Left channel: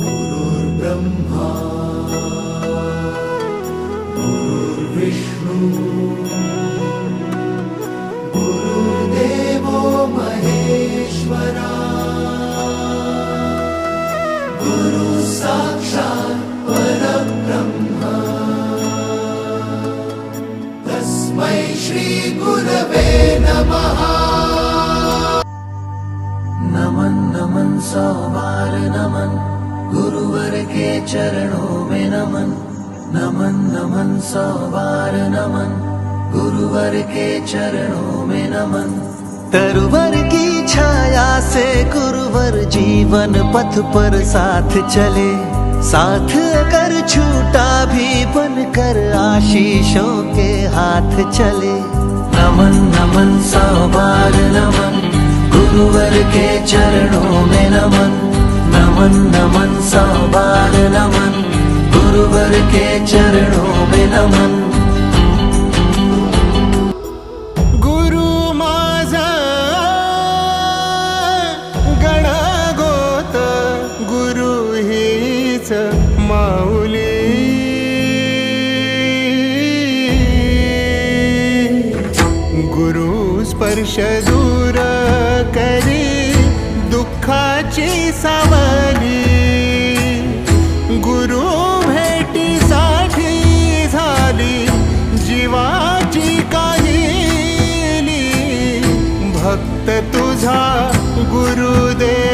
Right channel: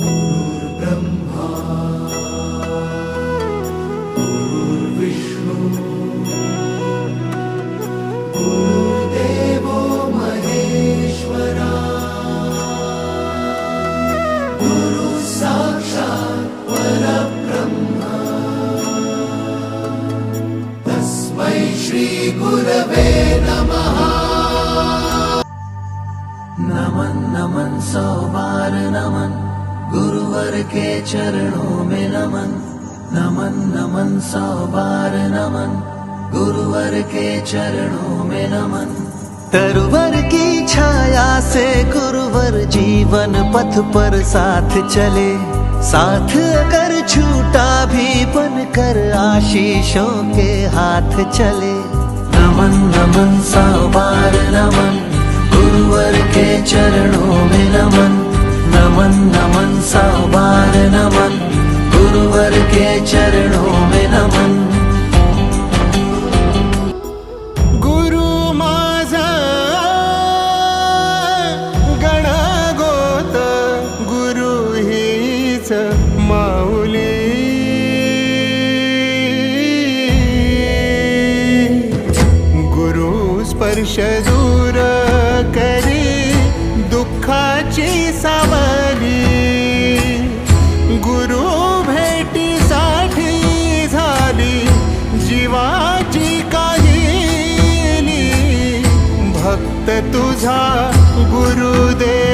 ्रह्मार्विष्णुः देवो महेश्वरसाक्षात् ब्रह्म तस्मै श्रीगुरवे नमः। नमन् नमन् सौबाल नमन्। गुरुवर के चरणों में नमन नमन नमन सौ बार नमन। गुरुवर के चरणों में नमन। तरुवर की छाया से गुरुवर जीवन पथ पर साथ चले। साथ अगर छूटा भी बनकर आशीषों के हाथ चले। नमन नमन सौ बार नमन। गुरुवर के चरणों में नमन। नमन नमन सौ नमन गुरुवर के चरणों में नमन। गुरु माझा गणगोत गुरु हीच माऊली। गुरु स्पर्श दूर करी। दुःखाची सावली गुरु भेटीसाठी झाली जीवाची काहिली. भक्त तुझा गुरुदेव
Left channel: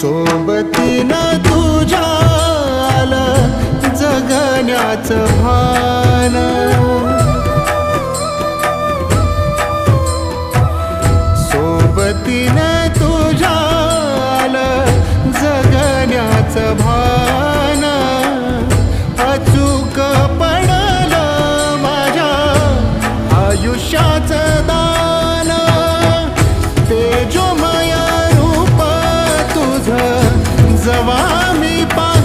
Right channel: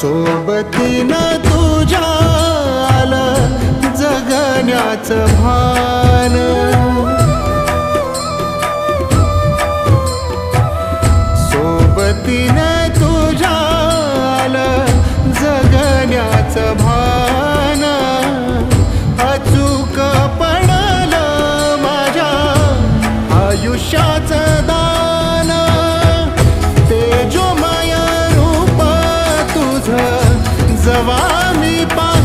सोबतीनं तुझ्या आलं जगण्याचं भान. सोबतीनं तुझ्या आलं जगण्याचं भान. तुझ जवा मी पा